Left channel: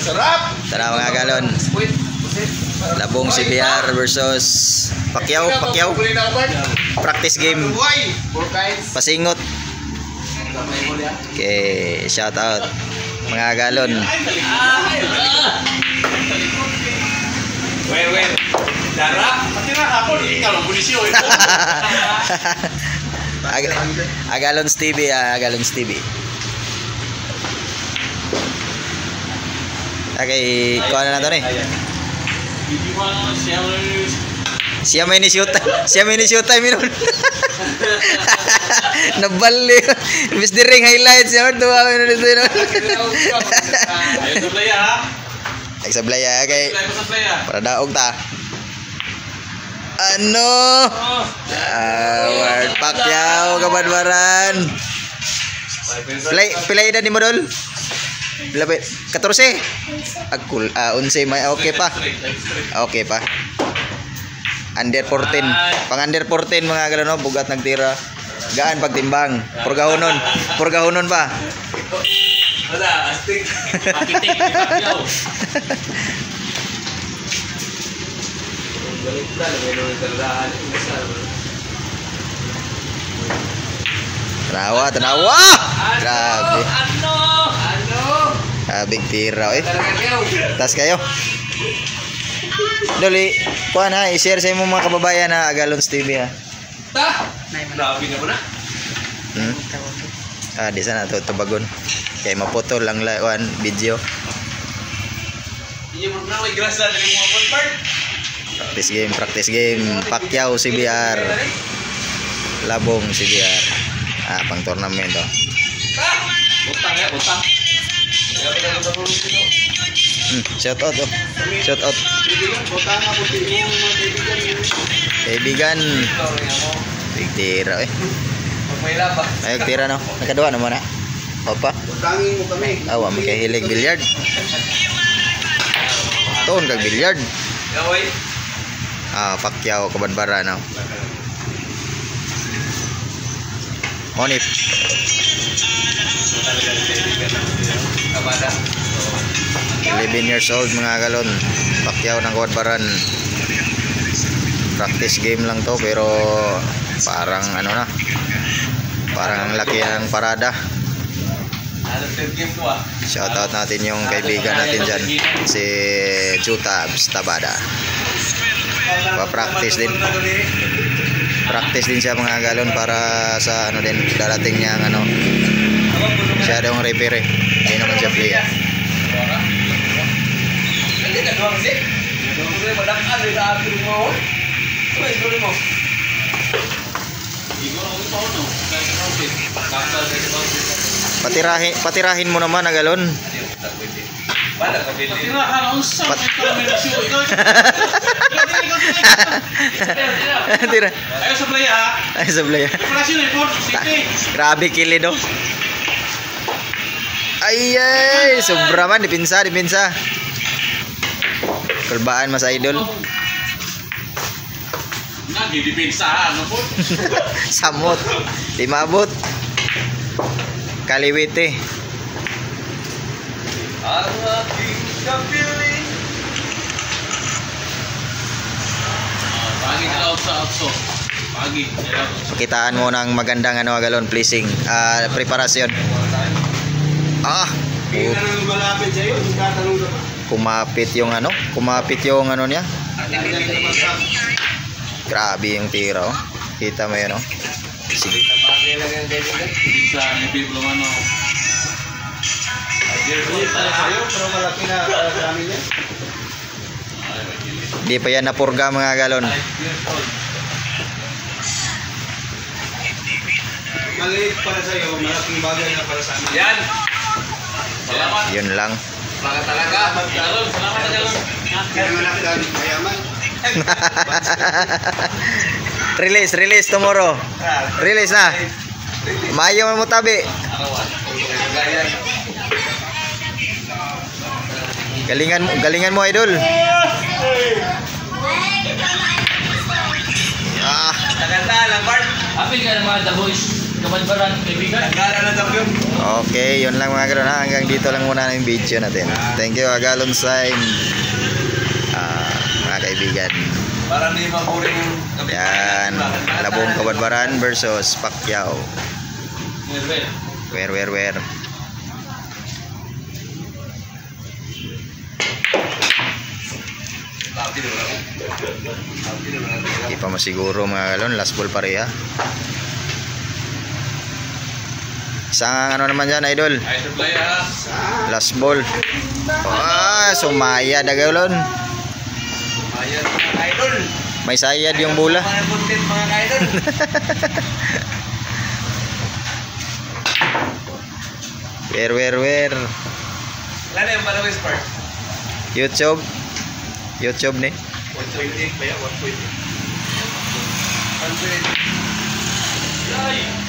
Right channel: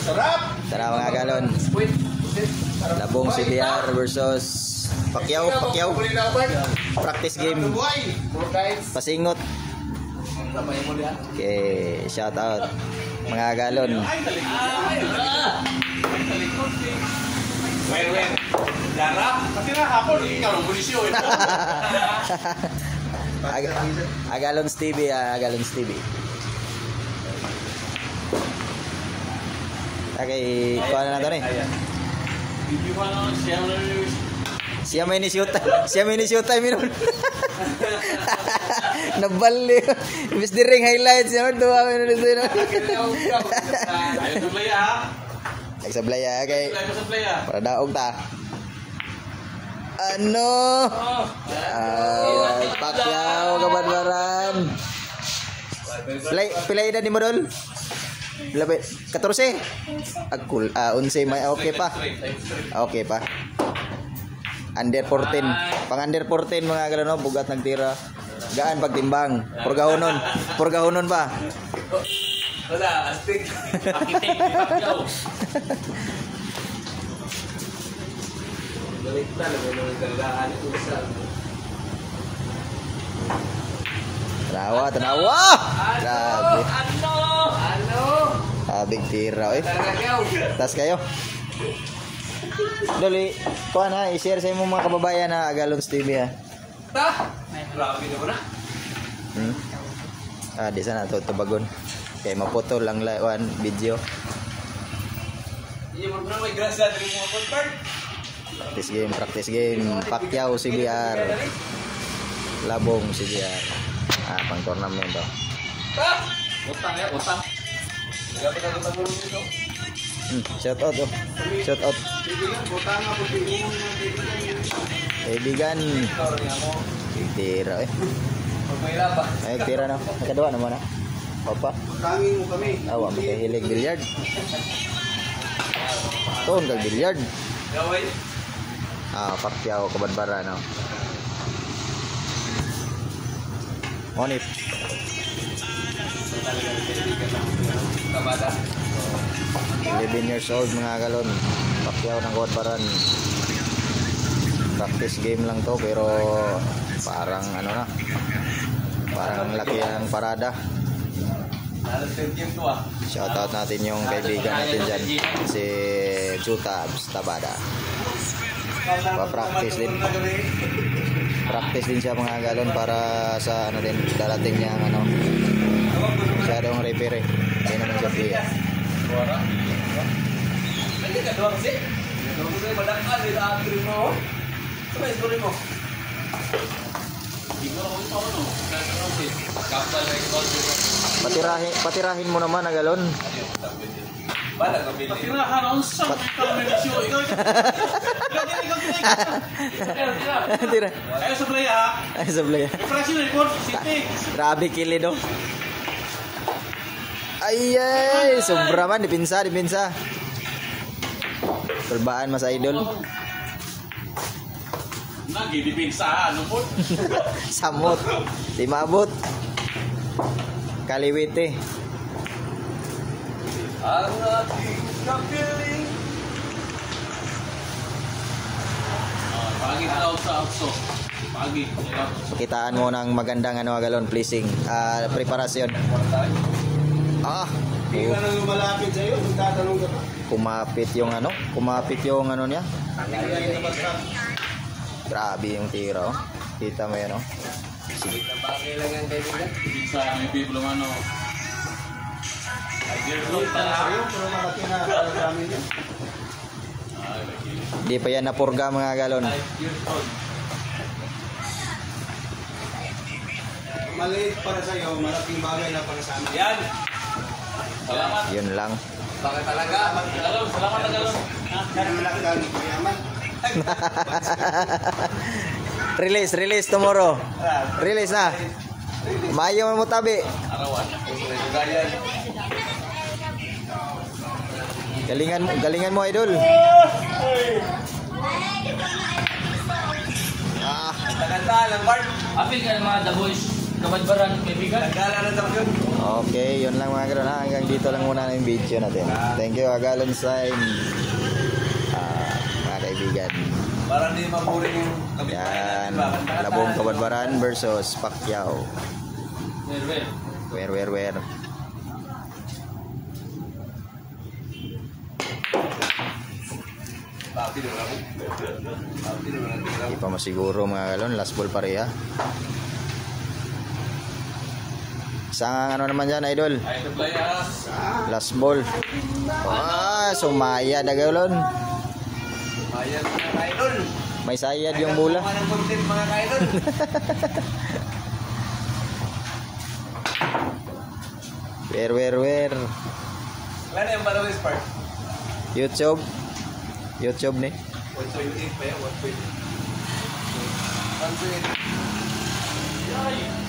Tara mga galon. Labong CBR versus Pacquiao. Practice game. Pasingot. Okay, shout out mga galon. Agalons TV, Agalons TV. Okay, kuha na to nih. Siya may ni-shoot time yun. Nabali. Miss the ring highlights yun. Tuwa ko yun dito yun. Ayun sa playa ha. Ay sa playa. Okay. Para daog ta. Word Pacquiao kabadbaran. Pilay edad ni mo dol? 14. Agkul 11 may okay pa. Okay pa. Under 14. Pang under 14 mga galon no, bugat nagtira. Gaan pagtimbang. Purgahonon pa. Wala, astig. Architect ni Pacquiao. Baliktad, meron ng tandaan isa. Tanawa. Grabe. Big tira eh. Tas kayo. Doli, kuha na, i-share sa imong mga kababayan na Agalons TV ha. Grabe naman na. Di sana to tubagon. Kay maputol lang one video. Iya mo na may grasa dili mo part. Practice game. Pacquiao CBR. Labong CBR. Pang tournament to. Utang. Shout out to. Shout out. Kaibigan. Big tira eh. Ayog tira no. Nakadua naman na. Opa. Utangin mo kami. Awa may kahilig billiard. Taon kag billiard. Yaway. Pacquiao kabadbara no. Monip. 11 years old mga galon. Pacquiao ng kabadbaran. Practice game lang to pero parang ano na. Parang ang laki ng parada. Shoutout natin yung kaibigan natin dyan, si Juta Tabada. Pa-practice din. Practice din siya mga galon para sa ano din darating niya ano. Siya daw ang referee. Hindi naman siya player. Patirahin mo naman Agalon. Tira. Ayo sa playa ha. Ay sa playa. Operasyon na ipon. Grabe kili do. Ay, sobra man dipinsa. Kulbaan mas idol. Nagi dipinsahan no po. Samot. Di maabot. Kaliwite. Ang aking kapiling. Pagi na out sa apso. Pagi. Kitaan mo ng magandang ano Agalon pleasing preparasyon. Hindi na nang lumalapit sa'yo, magtatanong ka ba? Kumapit yung ano niya. Grabe yung tira oh. Kita mo yun oh. Sige. Sa ibig lumano. Di pa yan napurga mga galon. Maliit para sa'yo, malaking bagay na para sa amin. Yan! Salamat! Yun lang. Baka talaga! Salamat Tagalog! Kaya malaki lang, mayaman! Release tomorrow. Release na. Mayo mo tabi. Galingan mo idol. Naganda lang Bart. Happy ka naman the boys. Kabadbaran kaibigan. Naganda na tayo. Okay, yun lang mga galon ha. Hanggang dito lang muna yung video natin. Thank you, Agalon Sign. Mga kaibigan. Para hindi mapuring yung gamit. Yan, Labong Kabadbaran versus Pacquiao. Where. Hindi pa masiguro mga galon. Last ball pareha. Isang ano naman dyan, idol. Idol play ha. Last ball. Sumaya dagalon. Ayan mga idol. May sayad yung bola. Mga content mga idol. Where. Ilan yung followers part? YouTube ni. 128 pa yan, 128. 128. Yay!